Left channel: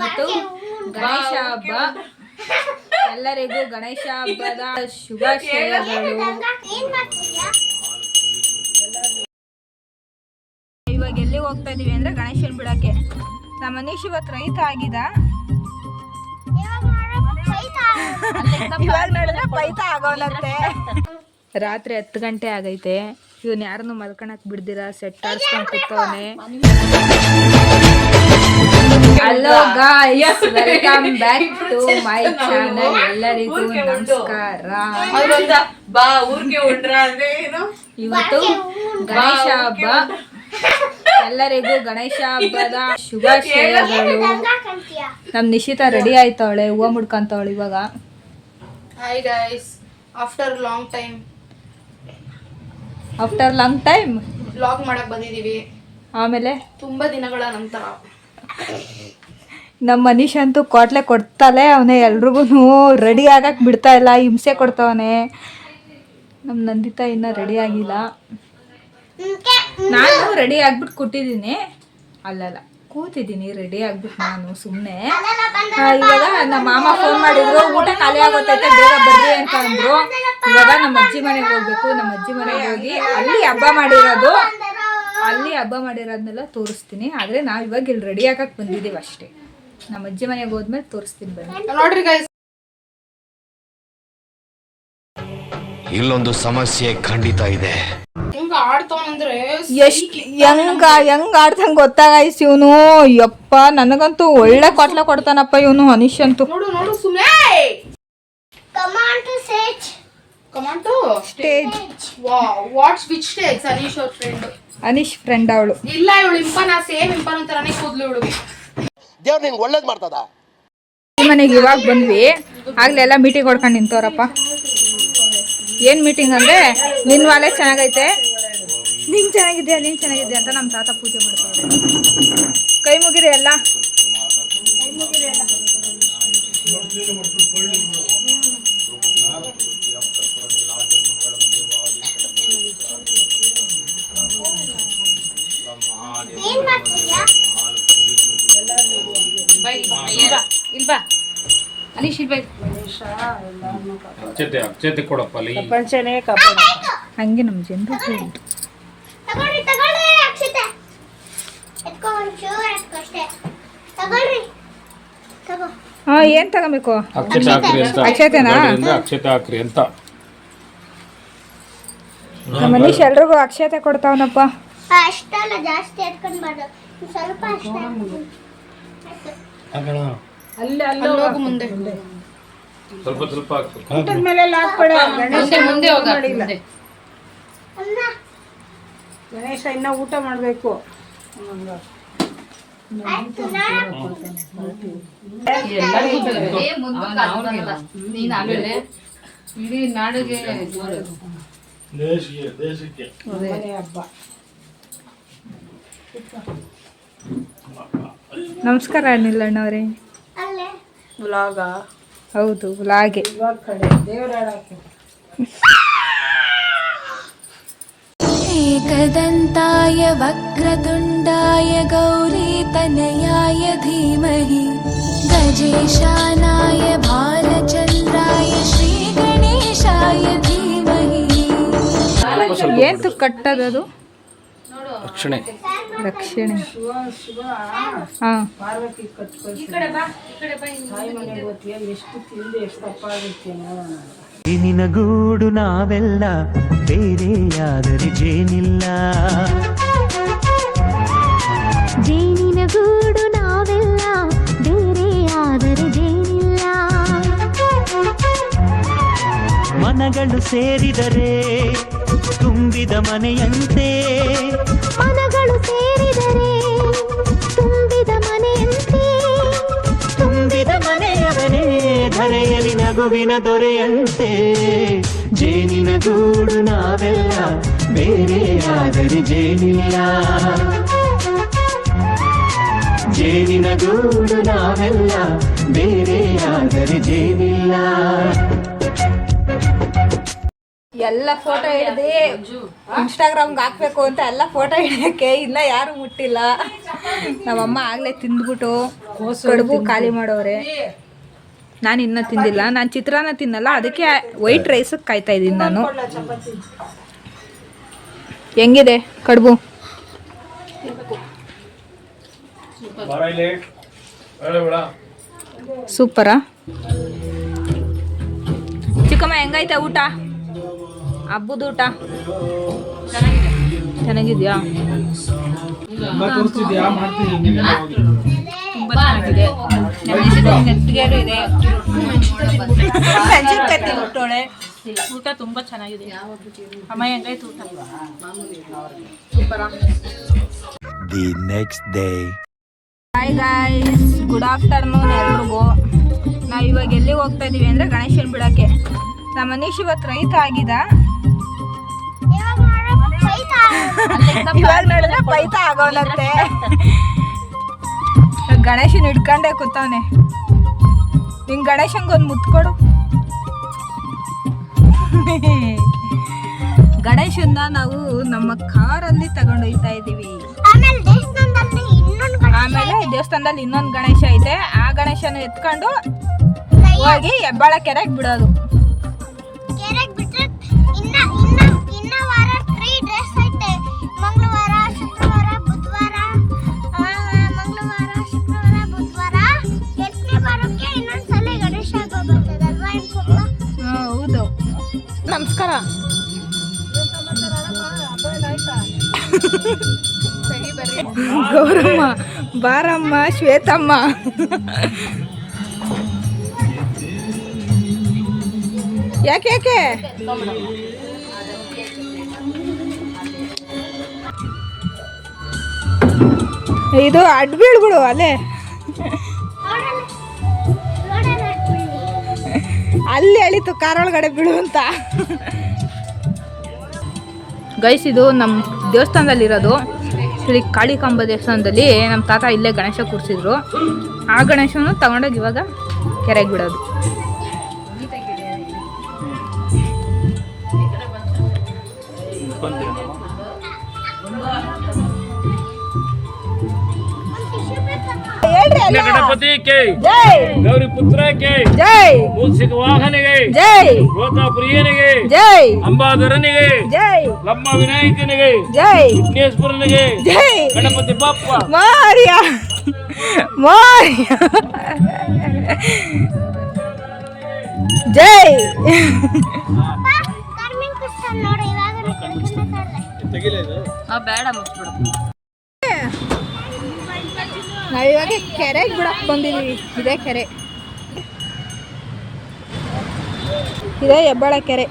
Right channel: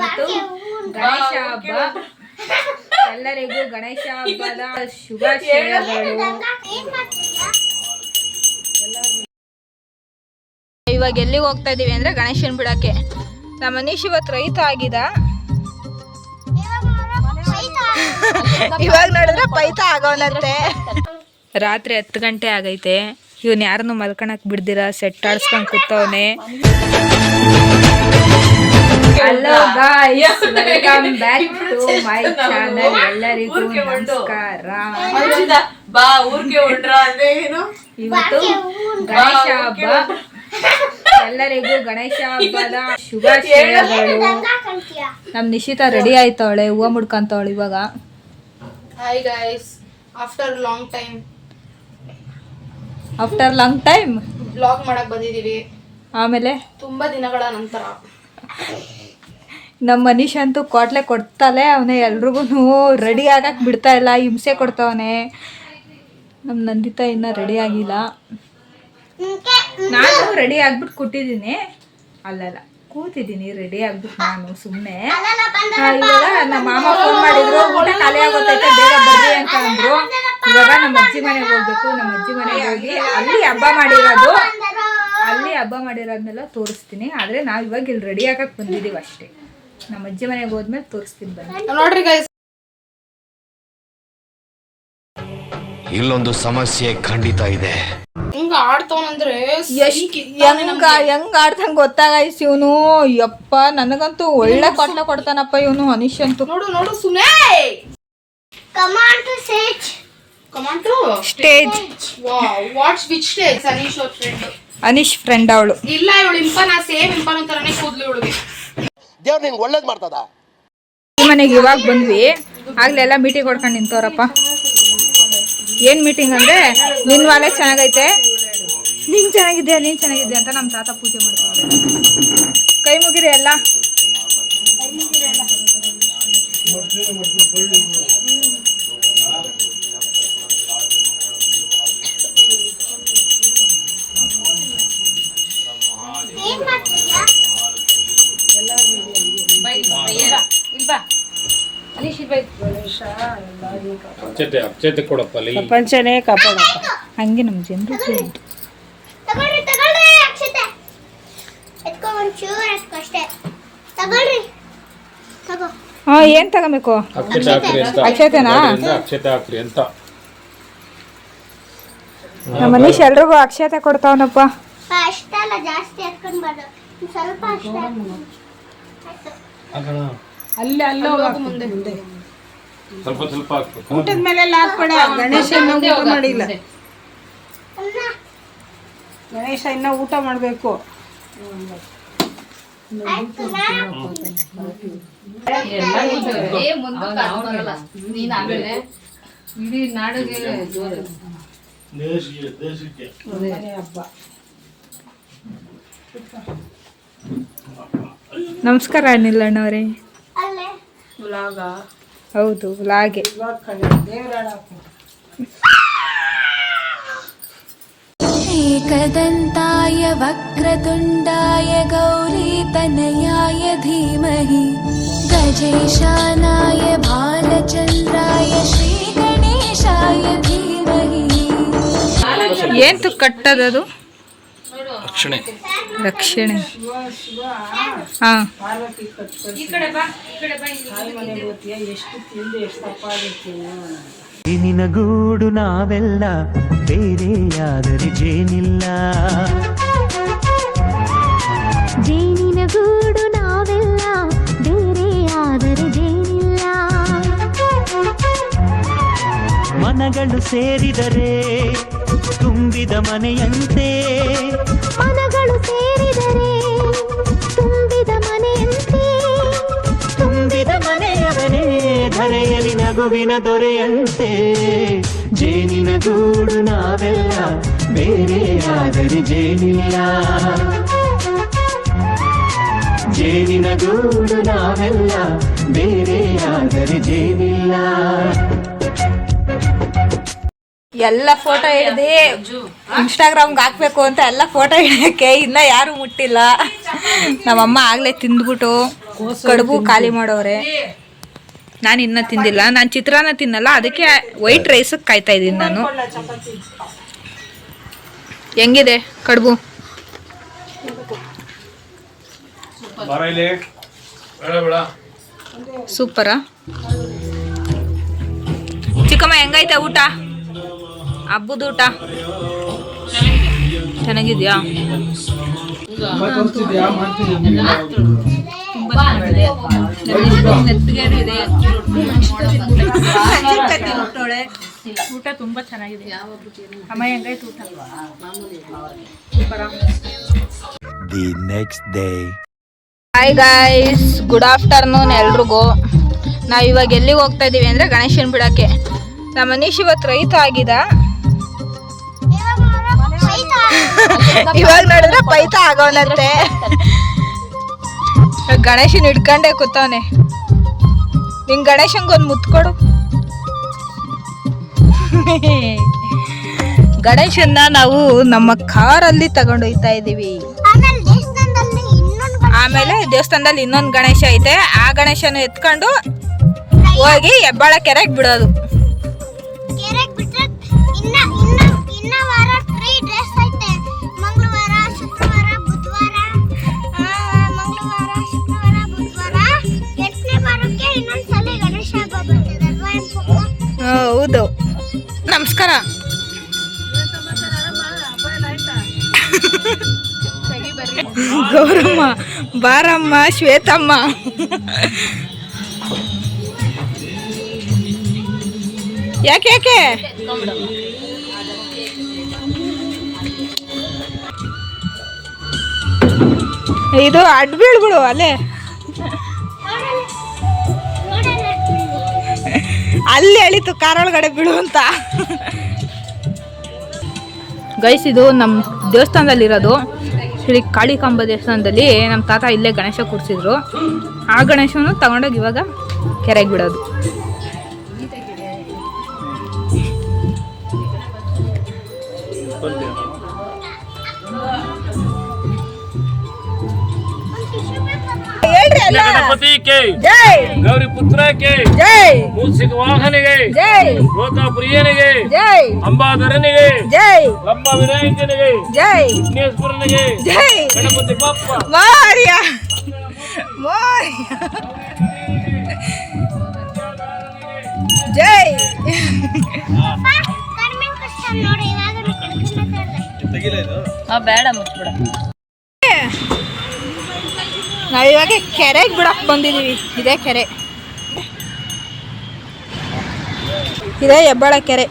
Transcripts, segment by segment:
ಮತ್ತು ಗಣೇಶ ಹಬ್ಬ ಎಲ್ಲರಿಗೂ ಗಣೇಶ ಹಬ್ಬದ ಶುಭಾಶಯಗಳು. ಇವಾಗ ಎಲ್ಲಿಗೆ ಹೋಗ್ತಾ ಇದೀವಿ ಅಂದ್ರೆ ಗಣೇಶನ್ ಬಿಡಕ್ಕೆ. ನಮ್ಮ ಮನೀಶ್ ಇವತ್ತು ರೈತ ಆಗಿದ, ಇವಾಗ ನೋಡಿದ್ರೆ ಪೈತ ಆಗೋನಂತೆ. ರಾತ್ರಿ 10 ಗಂಟೆ ಆಗೈತೆ. ಇವನ್ ಯಾರನ್ನು ಮಲ್ಕೊಳಕ್ ಬಿಡ್ದಿರ ಸೆಟ್ ಆಡ್ಸ್ಕೊಂಡ್ ಕೂತವನೆ. Hello guys, welcome back to my channel. ಎಲ್ಲರಿಗೂ ನಮಸ್ಕಾರ. ಇವತ್ತು ಗಣೇಶ ಹಬ್ಬ, ಎಲ್ಲರಿಗೂ ಗಣೇಶ ಹಬ್ಬದ ಶುಭಾಶಯಗಳು. ನಮ್ ನಿಶಿತಾ ರೆಡಿ ಆಯ್ತವಳೆ, ಹೂವು ಮುಡ್ಕಂತವಳೆ ಇವಾಗ. Hi guys, after long time vlog ಮಾಡಕ್ ಬಂದಿದೀವಿ. ಆಮೇಲೆ ತುಂಬಾ ದಿನಗಳ ನಂತರ ನಮ್ಮ ಮನೀಶ್ ಅಂತೂ ಕೋಟ್ಲೆ ಕೊಡ್ತಾಳೆ ಅವನೇ. ಎಲ್ರಿಗೂ ರೆಡಿ ಆಗಕ್ಕೆ ಬಿಡ್ತಾ ಇಲ್ಲ, ಹಿಂಸೆ ಕೊಡ್ತಾವನೆ. ನಮ್ಮ ನಂದಿತಾ ಇನ್ನೂ ರೆಡಿ ಆಗಿಲ್ಲ. ನಾನು ರೆಡಿ ಆಗ್ಬಿಟ್ಟು ಕೂತಿದ್ದೀನಿ, ಅಲ್ಲಲ್ಲ ಕೂತಿದ್ದೀನಿ ರೆಡಿ ಆಗ್ಬಿಟ್ಟು ನಾನು ಸುಮ್ಮನೆ. ಇವಾಗ ನಮ್ಮ ಮಾಮ ಫೋನ್ ಮಾಡಿದ್ರು, ಊಟ ಖಾಲಿ ಆಗೋತೈತೆ ಬೇಗ ಬರ್ರಿ ಅಂತ ಅಂದರು. ಇವಾಗ ನಮ್ಮ ಅಜ್ಜಿ ಮನೆಗೆ ಹೋಗ್ಬೇಕು. ನಮ್ಮ ಅಜ್ಜಿ ಮನೆಗೆ ಹೋಗಿ ಅಲ್ಲಿ ಹಬ್ಬ ಮಾಡಿರೋದನ್ನೆಲ್ಲ ತೋರಿಸ್ತೀನಿ. ಆದರೆ ನಾವು ಇವಾಗ ಇಲ್ಲಿ ರೆಡಿ ಆಗಕ್ಕೆ ಬಂದಿದ್ದೀವಿ ಅಷ್ಟೇ. ನಮ್ಮ ಅಜ್ಜಿ ಮನೆಗೆ ಹೋದ್ಮೇಲೆ ತೋರಿಸ್ತೀನಿ ಬನ್ನಿ. ನೋಡ್ರಿ ಗೈಸ್, ಇಲ್ಲೊಂದು ಸಮಸ್ಯೆ ಖಂಡಿತ ಇದೆ. ಹಿಂಗ ಆಡ್ತಾವಂದ್ರೆ ಹೆಂಗ್ ಆಡ್ತಂಗ್ ಗೊತ್ತಾಗಾಯ್ತು ಇವನು. ಯಪ್ಪ, ನನಗಂತೂ ಒಳ್ಳೆ ಕೊಟ್ಲೆ ಕೊಡ್ತಾನಪ್ಪ ಇವನು ಅನೀಶ್ ಅಂತೂ. ನೋಡು ಸುನೆ stage. Which stage? Anish friend ಅವಳು. ಇಲ್ಲ, ಇವಳು ಇಂಪನ ಸೇಮ್ ಇಂಪನ ತರನೇ ಕೂದ್ಲು ಇವಳಿಗೆ. ದೇವ್ರು ನಿಂಗೆ ಒಳ್ಳೇದು ಮಾಡ್ತದ. ಈ ಮನೆಗೆ ಇವಾಗ ಬಂದ್ವಿ, ಆಗ್ಲೆಲ್ಲ ಮೀಟಿಂಗ್ ಹೊಡ್ಕೊಂಡು ನಿಂತವ್ರಪ್ಪ. ಏನ್ ಮೀಟಿಂಗ್ ಅಂದ್ರೆ, ನಿನ್ ವಾಲೆ ಚೆನ್ನಾಗೈತೆ, ನೀನ್ ಚೆನ್ನಾಗಿದ್ಯಾ ಅಂತ ನಮ್ಮ ತಾತ ಪೂಜೆ ಮಾಡ್ತಾರೆ. ಕೈ ಮುಗಿರಿ ಎಲ್ಲ. ಅಕ್ಷತೆ ಕೊಡಪ್ಪ, ಪ್ರಪಂಚನೇ ಕಾಪಾಡಪ್ಪ. ಹಂಗೆ ನಮ್ಮ ಜನರು ಏನ್ ತಗೋಬೇಕು? ಅಕ್ಷತೆನಾ? ಅಕ್ಷತೆ ಹಾಕ್ರಿ ಅಂತ ನಮ್ಮ ಮನೀಶ್ ಎಲ್ರಿಗೂ ಅಕ್ಷತೆ ಕೊಡ್ತಾವನಪ್ಪ. ಅಷ್ಟಲ್ಲ, ಜಾಸ್ತಿ ಎತ್ಕೊಂಡ್ಬಾರ್ದು, ಸ್ವಲ್ಪ ಮುಂದೆ ಸ್ವಲ್ಪ ಹಾಕ್ಬೇಕು. ಊಟದ ಮೇಲೆ ಹಾಕ್ಬೇಡ. ಗಣೇಶ ಇನ್ನ ಊಟ ಮಾಡ್ಬೇಕು. ನಮಸ್ಕಾರ ನಿಲ್ಲಣ್ಣವ್ರೆ. ಹೌದು, ವ್ಲಾಗೆ. ಏಕದಂತಾಯ ವಕ್ರತುಂಡಾಯ ಗೌರೀತನಯಾಯ ಧೀಮಹಿ ಗಜೇಶಾನಾಯ ಬಾಲಚಂದ್ರಾಯ ಶ್ರೀಗಣೇಶಾಯ ಧೀಮಹಿ. ಏಂತು ಕಟ್ಟದದು? ರಕ್ಷಣೆ. ಹಾ, ನಿನಗೂಡು ನಾವೆಲ್ಲ ಬೇರೆಯಾದರೆ ಜೇನಿಲ್ಲ. ಜೇನಿನಗೂಡು ನಾವೆಲ್ಲ ಬೇರೆಯಾದರೆ ಜೇನಿಲ್ಲ. ಮನಗಳು ಸೇರಿದರೆ ತುಂಬಿದ ಮನೆಯಂತೆ. ಮನಗಳು ಸೇರಿದರೆ ತುಂಬಿದ ಮನೆಯಂತೆ. ತುಂಬಿದ ಮನೆಯವನೇ ಧರೆಯಲಿ ನಗುವಿನ ದೊರೆಯಂತೆ. ಜೇನಿನ ಗೂಡು ನಾವೆಲ್ಲ ಬೇರೆಯಾದರೆ ಜೇನಿಲ್ಲ. ಜೇನಿನ ಗೂಡು ನಾವೆಲ್ಲ ಬೇರೆಯಾದರೆ ಜೇನಿಲ್ಲ. ಎಲ್ಲ ಫೋಟೋ ಹಿಡ್ದು ಇನ್ಸ್ಟಾಗ್ರಾಮ್ಗೆ ಹಾಕ್ಬೇಕು ಅಂತ ಎಲ್ಲ ಫೋಟೋ ಹಿಡಿಯೋಕ್ಕೆ ಇನ್ನೂ ಯಾರು ಮುಟ್ಟಿಲ್ಲ. ನಮ್ಮಮ್ಮ ಆಗಲೇ ತಿಂದ್ಬಿಟ್ಟು ಕಡುಬು ಖಾಲಿ ಮಾಡೋರೆ. ನಾನು ಇನ್ನೂ ತಿಂದಿಲ್ಲ, ನಾನು ಚಿತ್ರಾನ್ನ ತಿನ್ನಲ್ಲ, ಅದಕ್ಕೆ ವೈಟ್ ರೈಸಕ್ಕೆ ಕಾಯ್ತಾ ಇದ್ದೀನಿ ನಾನು. ಹೆಂಗಿದೆ ಕಡುಬು? ಸೂಪರಾ? ಚಿಕ್ಕಮ್ಮ ಹೆಂಗೈತೆ ಊಟ? ಹಬ್ಬದ ಊಟ ಚೆನ್ನಾಗಿದ್ಯಾ? ತುಂಬ ಚೆನ್ನಾಗಿದೆ. ಊಟ ತುಂಬ ಚೆನ್ನಾಗಿದೆ. ಅಮ್ಮ ಹೆಂಗೈತೆ ಊಟ? ಸೂಪರಾ? The next day. Hi guys, good afternoon ಎಲ್ರಿಗೂ. ನಾವು ಇವಾಗ ಎಲ್ಲಿಗೆ ಹೋಗ್ತಾ ಇದ್ದೀವಿ ಅಂದರೆ ಗಣೇಶನ್ ಬಿಡೋಕ್ಕೆ. ನಮ್ಮ ಮನೀಶ್ ಇವತ್ತು ರೈತ ಆಗಿದ. ಇವಾಗ ನೋಡಿದ್ರೆ ಪೈತ ಆಗೋನಂತೆ. ಗಣೇಶನ್ ಹಿಡ್ಕೊಂಡೆ ಕೂತವನೆ. ನಿನ್ ಗಣೇಶನ್ಗೊಂದು ಮುತ್ತು ಕೊಡು. ಗಣೇಶನ್ನ ನಾವು ನಮ್ಮ ಕಾರಲ್ಲಿ ತಗೊಂಡೊಯ್ತಾ ಇದ್ದೀವಿ. ಆಮೇಲೆ ದೇವಸ್ಥಾನದಲ್ಲಿ ಇನ್ನೊಂದು ಗಣೇಶ ಐತೆ, ಆ ಗಣೇಶನ ಎತ್ಕೊಂಡು ಹೋಗಿ ಹೆಬ್ಬಾಳ ಕೆರೆಗೆ ಬಿಡೋದು. ಹೌದು. ನಮಸ್ಕಾರ. ಗೌರಮ್ಮ, ಬಾರಮ್ಮ, ಶ್ವೇತಮ್ಮ. ಯಾಕೆ ಯಾಕೆ ಇದು ಅಡ್ಬೀಳ್ಬಿಡು ಅಲ್ಲೇ, ಅಲ್ಲಿ ಹೇಳಿತು ಕಾರೊಳಗಡೆ ಬಿಡು ಅಂತ. ಗೈಸ್, ಇದು ನಮ್ಮ ದೇವಸ್ಥಾನದಲ್ಲಿರೋದು. ಶ್ರೀ ಕಾಳಿಕಾಂಬ ದೇವಸ್ಥಾನದಲ್ಲಿ ನಮ್ಮ ತಾತ ಇಲ್ಲೇ ಗಣೇಶ ಕೂರಿಸಿದ್ರು. ಆ ಗಣೇಶನ ತಗೊಂಡೋಗಿ ಇವಾಗ ಕೆರೆಗೆ ಬಿಡೋದು. ಗಣಪತಿ ಕೆ ಜೈ, ಗೌರಿ ಪುತ್ರ ಕೆ ಜೈ, ಮೂಸಿಕ ವಾಹನಿಗೆ ಜೈ, ಲೋಕ ಪ್ರಿಯನಿಗೆ ಜೈ, ಅಂಬಾಧರನಿಗೆ ಜೈ, ಲಂಬ ವಿನಾಯಕನಿಗೆ ಜೈ, ವಿಘ್ನೇಶ್ವರನಿಗೆ ಜೈ, ಗಣಪತಿ ಬಪ್ಪ ಮಾರಿಯ ಮಾರಿಯ ಜೈ. ಬೇಡ ಮುಚ್ಬಿಡ. ನಾವಿವಾಗ ಕೆರೆಗೆ ಬಿಡಕ್ಕೆ ಬಂದಿದ್ದೀವಿ. ಇದೇ ಕೆರೆ, ಇದೇ ಹೆಬ್ಬಾಳ ಕೆರೆ.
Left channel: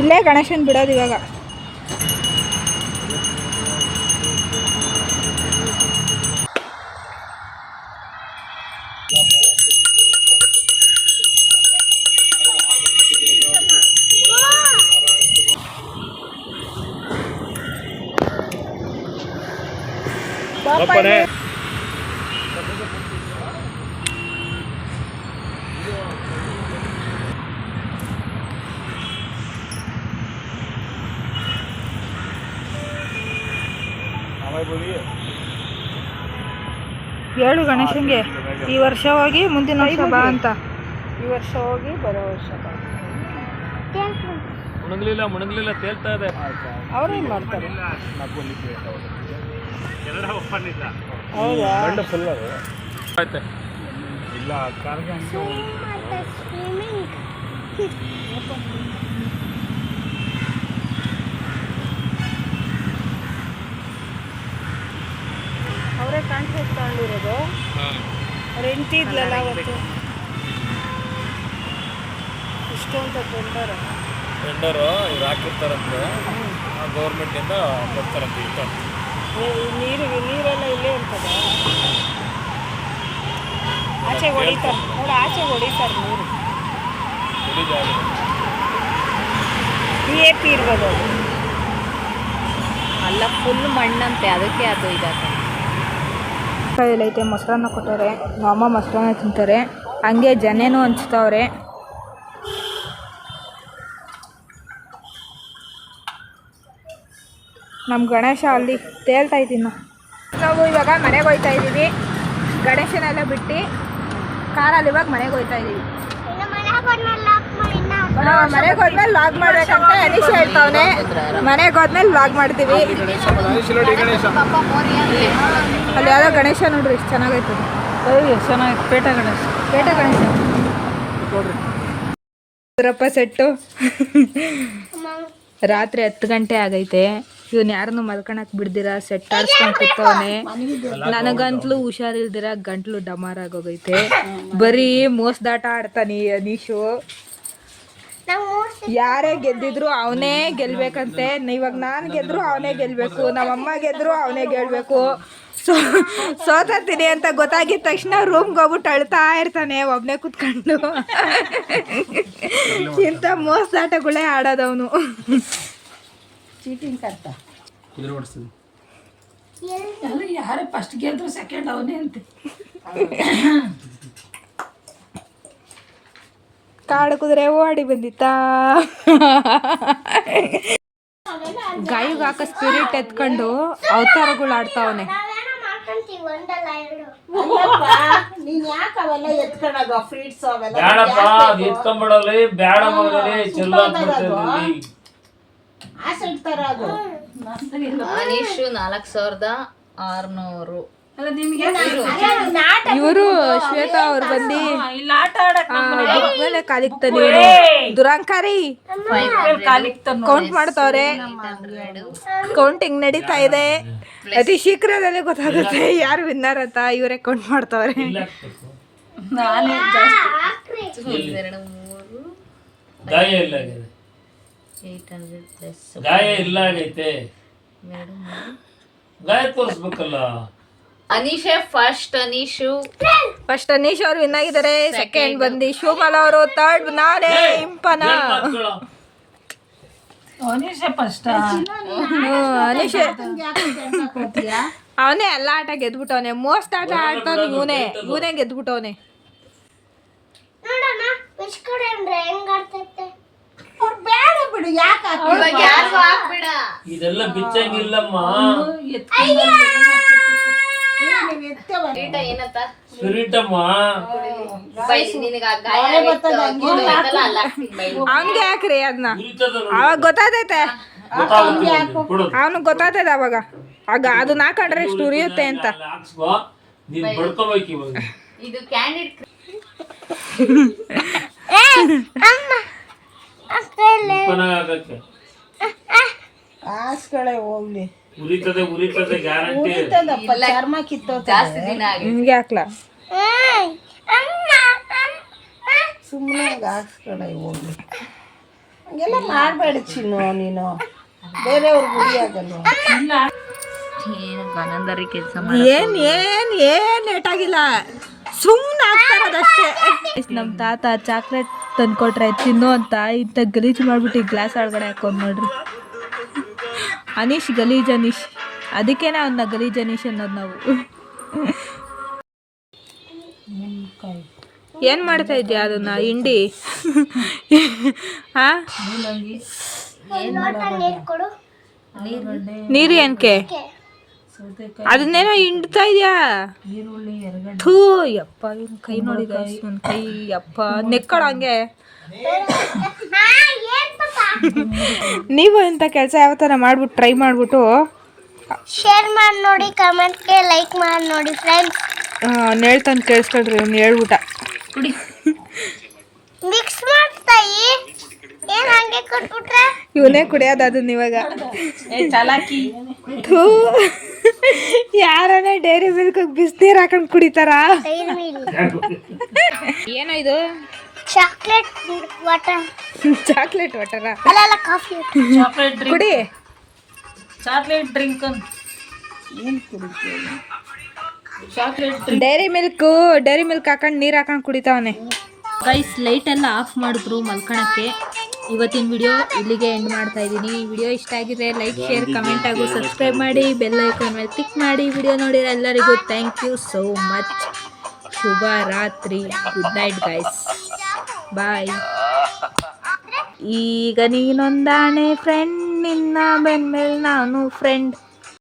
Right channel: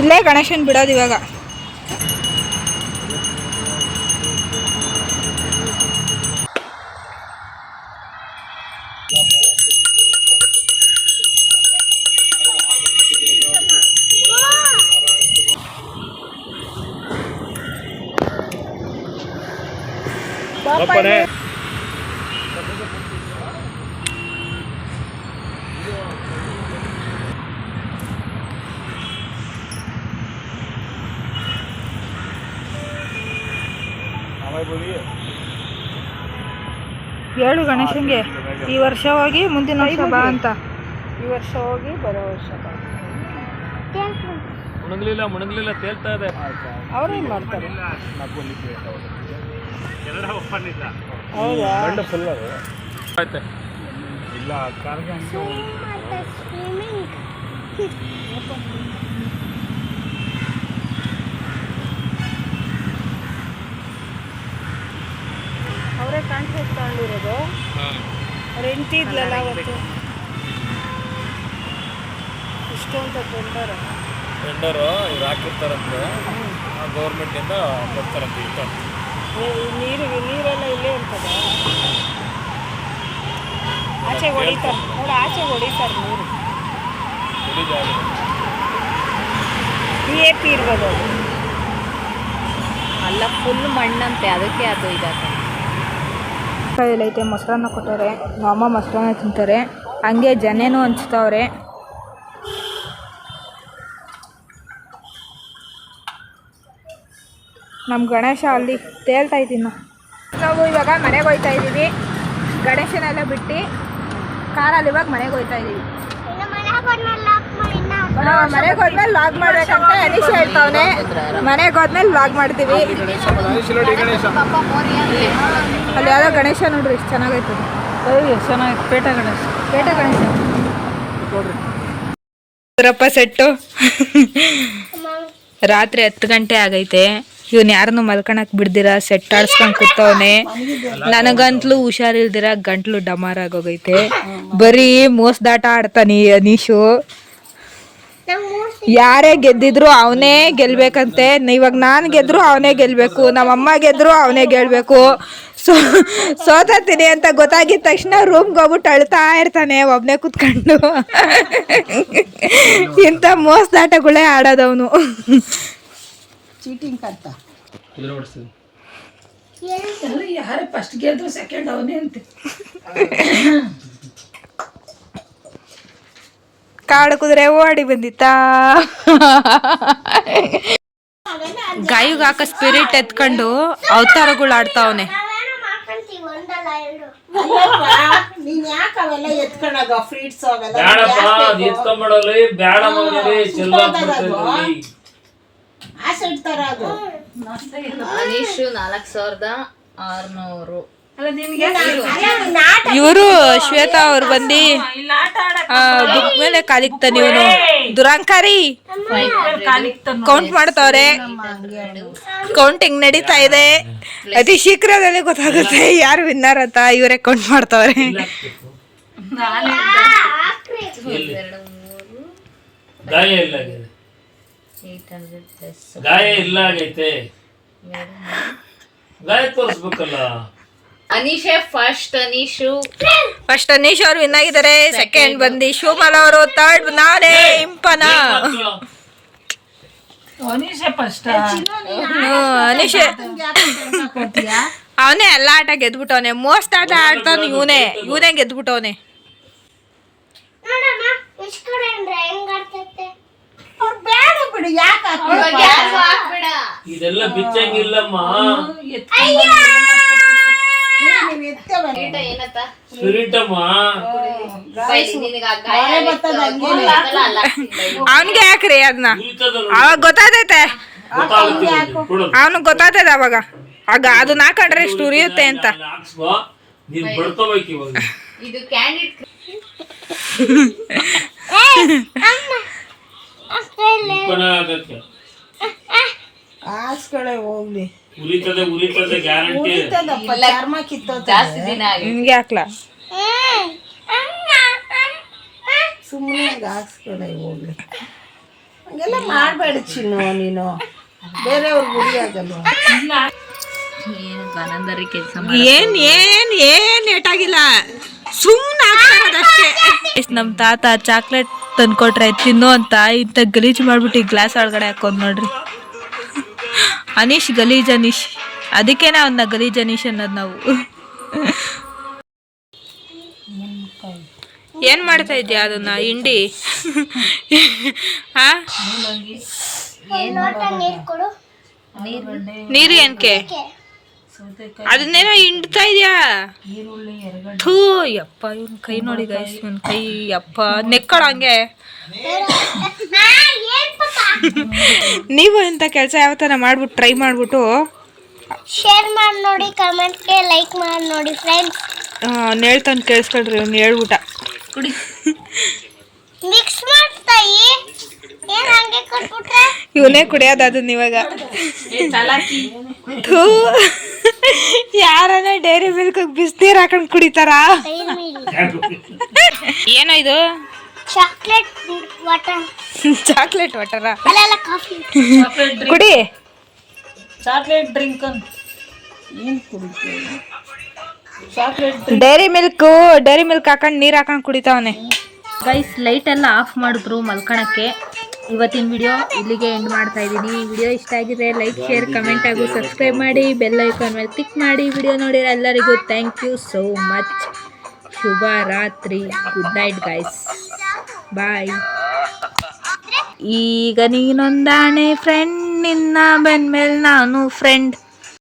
ಇಲ್ಲೇ ಗಣೇಶನ್ ಬಿಡೋದು ಇವಾಗ. ಹೇಳು ಗಣೇಶನ್ಗೆ, ಈ ವರ್ಷ ಹೋಗಿ ಮುಂದಿನ ವರ್ಷ ಬಾ ಅಂತ. ಈ ವರ್ಷ ಹೋಗಿ ಬರೋ ವರ್ಷ ಬಾ. ಮುಣಗ್ಲಿಲ್ಲ ತೇಲ್ತಾ ಇದೆ. ಅವ್ರೇನು ಮಾಡ್ತಾರೆ? ಹೌದಾ? ಇಲ್ಲ ಅವರೇ ಕಾನ್ಫರೆನ್ಸ್ ತಗೊಂಡಿರೋದು. ಅವ್ರು ಹೆಂಡತಿ ಇದ್ಲಲ್ಲ ಅವತ್ತು, ಇಷ್ಟೊಂದು ಟೆಂಡರು ಇವ್ರು ಹಾಕಿರ್ತಾರಂತೆ, ಗೌರ್ಮೆಂಟಿಂದ ಬರ್ತಾರಂತೆ. ನೀರೆಲ್ಲ ಇಲ್ಲೇ ಇರ್ತದೆ. ಆಚೆಗೆ ಹೊಡಿತಾರೆ ನೋಡಿ, ಆಚೆಗೆ ಹೊಡಿತಾರೆ ನೀರು. AP ಇರ್ಬೋದು ಅದು. ಅಲ್ಲ, ಫುಲ್ ಮಣ್ಣಂತೆ, ಅದಕ್ಕೆ ಅದು ಇದಾಗ್ತದೆ. ಐತೆ ಮೊಸರನ್ನ ಕೊಟ್ಟವ್ರೆ. ಅಮ್ಮ ಮೊಸರನ್ನ ತಿಂತಾರೆ, ಹಂಗೆ ಜನೇನು ಹಂಚ್ತವ್ರೆ. ನಮ್ಮ ಗಣೇಶ ಅಲ್ಲಿ ತೇಲ್ತಾ ಇದ್ದೀನಿ. ನಾವು ಇವಾಗ ಮನೆಗೆ ಹೋಗ್ತಾ ಇದ್ದೀವಿ. ಗಣೇಶನೆಲ್ಲ ಬಿಟ್ಟು ಕಾರಲ್ಲಿ ಇವಾಗ ಮನೆಗೆ ಹೋಗ್ತಾ ಇದೀವಿ. ಇನ್ನು ಮನೆಗೆ ಹೋದ್ಮೇಲೆ ಲಾಕ್ ಮಾಡಿ ಮನೆಗೆ ಹೋದ್ಮೇಲೆ ಲಾಗ್ ಮಾಡ್ಬೇಕಂತ ಅನೀಶ್ ಹೇಳ್ತಾವನೆ. ಮನೆಗೆ ಹೋದ್ಮೇಲೆ ಲಾಗ್ ಮಾಡ್ತೀವಿ. ಅಲ್ಲಿ ಯಾವ್ದೋ ಗಣೇಶ ನೋಡ್ರಿ ಎಷ್ಟು ಚೆನ್ನಾಗೈತೆ. ಎಷ್ಟು ಚೆನ್ನಾಗೈತೆ. ಪೇಟ ಗಣೇಶ ರಪ್ಪ ಸೆಟ್ಟು. ರಾತ್ರಿ 10 ಗಂಟೆ ಆಗೈತೆ. ಇವನ್ ಯಾರನ್ನು ಮಲ್ಕೊಳಕ್ ಬಿಡ್ದಿರ ಸೆಟ್ ಆಡ್ಸ್ಕೊಂಡ್ ಕೂತವನೆ. ನನಗಂತ್ಲು ಹುಷಾರಿಲ್ದಿರ ಗಂಟ್ಲು ಡಮಾರ್ ಆಗೋಗೈತೆ. ಬರೀ ಮೋಸದಾಟ ಆಡ್ತಾನೆ ಅನೀಶು. ಯಾರೇ ಗೆದ್ದಿದ್ರು ಅವನೇ ಗೆಲ್ಬೇಕಂತೆ. ಇವಾಗ ನಾನು ಗೆದ್ರು ಅವನೇ ಗೆಲ್ಬೇಕು, ನಮ್ಮಮ್ಮ ಗೆದ್ರು ಅವನೇ ಗೆಲ್ಬೇಕು. ಸೋತೀನಿ ಅಂತ ಗೊತ್ತಾಗಿದ ತಕ್ಷಣ ರೂಮ್ಗೆ ಹೋಗ್ಬಿಟ್ಟು ಅಳ್ತಾ ಇರ್ತಾನೆ ಒಬ್ನೇ ಕುತ್ಕೊಂಡು. ಇಂಥ ಮೋಸದಾಟಗಳೇ ಆಡೋದವನು. ಚೀಟಿಂಗ್ ಕರ್ತ ಯಾರೇ ಫಸ್ಟ್ ಗೆದ್ದು ಸೆಕೆಂಡ್ ಅವನೇ ಅಂತ ಕಾಡು ಕುದುರೆ ಓಡಿ ಬಂದಿತ್ತಾ. ಗಾಯಿಗೆ ಹಾಕ ಸ್ಪಿರಿಟ್ ಎತ್ಕೊಂಡು ಅವತಾರಗಳು ಆಡ್ತಾವನೆ. ಮಾಡ್ಕೊಂತೀವಿ ಒಂದಲ್ಲ ಎರಡು. ನೀನ್ ಯಾಕೆ ಅವೆಲ್ಲ ಎತ್ಕೊಳ್ಳೋದು ಫ್ರೀಟ್ಸ್ ಅವೆಲ್ಲ ಬೇಡಪ್ಪ ಅದು ಎತ್ಕೊಂಡ್ಬಿಡೋಲಿ. ಬೇಡ ಮಗನಲ್ಲಿ ಚೆಲ್ಲಾಕ್ಬಿಡ್ತೇವೆ. ಆಸೆ ಇಡ್ತಾರ ಅದು. ಅನೀಶು 4600. ಇವರು ಶ್ವೇತಾ ಅವ್ರು ಬಂದು ಬುಕ್ ಮೇಲೆ ಕಾಲಿಕ್ತಾನೆ. ಇವನು ದುರಂಕಾರಿ ಕೌಂಟ್ ಮಾಡ್ತಾವ್ರೆ. ಕೌಂಟಿಂಗ್ ನಡೀತಾ ಇದೆ. ಅತಿ ಶೀಘ್ರದಲ್ಲಿ ಗೊತ್ತಾಗುತ್ತೆ ಯಾರು ವಿನ್ನರ್ ಅಂತ. ಇವರೇ ಕೌಂಟ್ ಮಾಡ್ತಾವ್ರೆ. ಗಾಯ ಇಲ್ಲ ಗಾಯ ಇಲ್ಲ ಆಗೈತೆ. ಗಾಯ ತೋರಿಸ್ಬೇಕಲ್ಲ. ಅನೀಶೇ ಫಸ್ಟ್. ಫಸ್ಟ್ ಅನೀಶ್ ಅವ್ರು ವಿನ್ ಆಗಿದ್ದಾರೆ. ಸೆಕೆಂಡ್ ಬಂದು ಶಿವಮಾಲ ಅವರು, ಥರ್ಡ್ ನಾನೇ ಇಂಪನ. ಅನೀಶ್ ಅವನೇ ಎಲ್ಲ ಆಟ ಗೆದ್ಬಿಟ್ಟವನೆ. ಮೋಸ್ಟ್ ಆಟ ಆಡ್ತಾನೆ ಇವನೇ ಗೆದ್ಬಿಟ್ಟವನೆ. ನೋಡಮ್ಮ ಇಸ್ಕೊಂಡ್ರೆ ಹೆಂಗ್ ಆಡ್ತೈತೆ. ಅವ್ರು ಬೇಡ ಬಿಡು. ಯಾಕೆ ಇದೆಲ್ಲ ಬಿಚ್ಚಂಗಿಲ್ಲಮ್ಮ. ಸ್ಪಿರಿಟಮ್ಮ ಅವನ್ಗೆ ಯಾಕ್ರಿ ಅದನ್ನ. ಅವಾಗ ಗೊತ್ತಾದೈತೆ. ಅವನಿಗೆ ಗೊತ್ತಾಗ್ತದೆ ಅವಾಗ. ಆಗ ಅದನ್ನ ಹಾಕೊಂಡ್ರೆ ಎಷ್ಟು ಉರಿಯುತ್ತೆ ಅಂತ. ನೀನ್ ಬಡ್ಕೋಬೇಕು ಇವಾಗ. ಇದು ಕ್ಯಾಂಡಿಡ್ ಆಗಕ್ಕೆ ಆಸ್ಗಳೇ ಹೋಗ್ಲಿ. ಉರಿತದೆ ಗ್ಯಾರಂಟಿ. ಚರ್ಮ ಕಿತ್ತೋ ಜಾಸ್ತಿ ದಿನ ಆಗಿ ನಿಮ್ಗೆ ಹಾಕ್ಲಾ. ಸುಮ್ಮನೆ ಆಸ್ಗಳೇ ಹೋಗ್ಲಿ. ಹಂಗೆಲ್ಲ ಮಾಡಬೇಡ ಚಿನ್ನು. ನೀನು ಬೇರೆಯವ್ರ ಗುಡಿ ಆಗಲ್ಲ. ಗನಂದರಿ ಕೆಲಸ ಏನ್ ಏಟಾಗಿಲ್ಲ. ಸುಮ್ಮನೆ ಆಗ್ತಾರದಷ್ಟೇ. ನಮ್ ತಾತ ಚಾಕ್ಲೇಟ್ ತಂದ್ಕೊಟ್ರೆ ತಿನ್ನು ಅಂತ ಇಂಥ ಗಲೀಜ್ ಮಾಡ್ಬಿಟ್ಟು ಈ ಗ್ಲಾಸ್ ಒಳಗಡೆ ಹಾಕೊಂಡ್ ನೋಡ್ರಿ. ಅನೀಶ್ ಗಲೀಜ್ ಅನೀಶ್. ಅದಕ್ಕೇನೆ ಅವನ್ನ ಗಲೀಜ್ ಅನೀಶ್ ಅನ್ನೋದು ನಾವು. ಏನ್ ಮಾಡ್ತಾ ಇದ್ಯಾ ಅದನ್ನ ಹಿಂಡಿ? ಹಾ ನೀರು ಕೊಡು. ನೀರು ಏನಕ್ಕೆ? ಅದನ್ನೇನೋ ಹಿಂಡ್ತಾ ಇದ್ಯಾ? ಥೂ ಯಪ್ಪ, ಇವನ್ ಕೈ ನೋಡಿ ಗೈಸ್. ಇವನ್ ಕೈ ಯಪ್ಪ ನೆಕ್ಕಳ ಹಂಗೆ. ನೀವು ಇಂಥ ಕೆಲಸ ಯಾವತ್ತಾರ ಮಾಡ್ಬಿಟ್ಟು ಟ್ರೈ ಮಾಡ್ಬಿಟ್ಟು ಶೇರ್ ಮಾಡಿ ನೋಡಿ, ಕಮೆಂಟ್ಗೆ ಲೈಕ್ ಮಾಡಿ ನೋಡಿ ಫ್ರೆಂಡ್ಸ್. ಹೇಳ್ತಾನೆ ಕೇಳಿಸ್ಕೊಳ್ರಿ. ಅವ್ನು ಹೇಳ್ಬಿಟ್ಟ ಮಿಕ್ಸ್ ಮಾಡ್ತಾಯಿ. ಏನ್ ಹಂಗೆ ಕೊಟ್ಬಿಟ್ರೆ ಇವನೇ ಕುಡಿಯೋದು ಅದನ್ನ ಇವಾಗ. ಥೂ, ಯಾರನ್ನ ಡೈರಿ ಮಿಲ್ಕ್ ಬಿಸಿನೀರು ಹಾಕೊಂಡು ಕುಡಿತಾರ? ಏನೋ ಇದು? Chocolate water. Chocolate water? ಅಲ್ಲ ಕಾಫಿ. ಕುಡಿ. Chocolate drink. ಡೈರಿ ಮಿಲ್ಕ್ ಹಾಕೊಂಡು ನೀರು ಹಾಕೊಂಡು ಕುಡಿತಾವನೆ. ಗೈಸ್ ಲೈಟ್ ಎಲ್ಲ ಆಫ್ ಮಾಡಿದ್ರು ಮಲ್ಕೊಳಕ್ಕೆ. ಇವತ್ತಿನ ವಿಡಿಯೋ ಇಲ್ಲಿಗೆ ಎಂಡ್ ಮಾಡ್ತಾ ಇದ್ದೀನಿ. ವಿಡಿಯೋ ಇಷ್ಟ ಆಗಿದೆ ಲೈಕ್, ಶೇರ್, ಕಮೆಂಟ್ ಹಾಗೂ ಸಬ್ಸ್ಕ್ರೈಬ್ ಮಾಡಿ. ಬೆಲ್ ಐಕಾನ್ ಮೇಲೆ ಕ್ಲಿಕ್ ಮಾಡಿ. ವಿಡಿಯೋ ನೋಡಿರೋ ಎಲ್ಲರಿಗೂ ಥ್ಯಾಂಕ್ ಯು ಸೋ ಮಚ್. ಶುಭ ರಾತ್ರಿ. Good night guys. ಬಾಯ್. ಈಗ ನೀನೊಂದಾಣೆ ಫ್ರೆಂಡ್, ನಿನ್ನ ಬೆನ್ಮೇಲೆ ನಾನು ಫ್ರೆಂಡ್.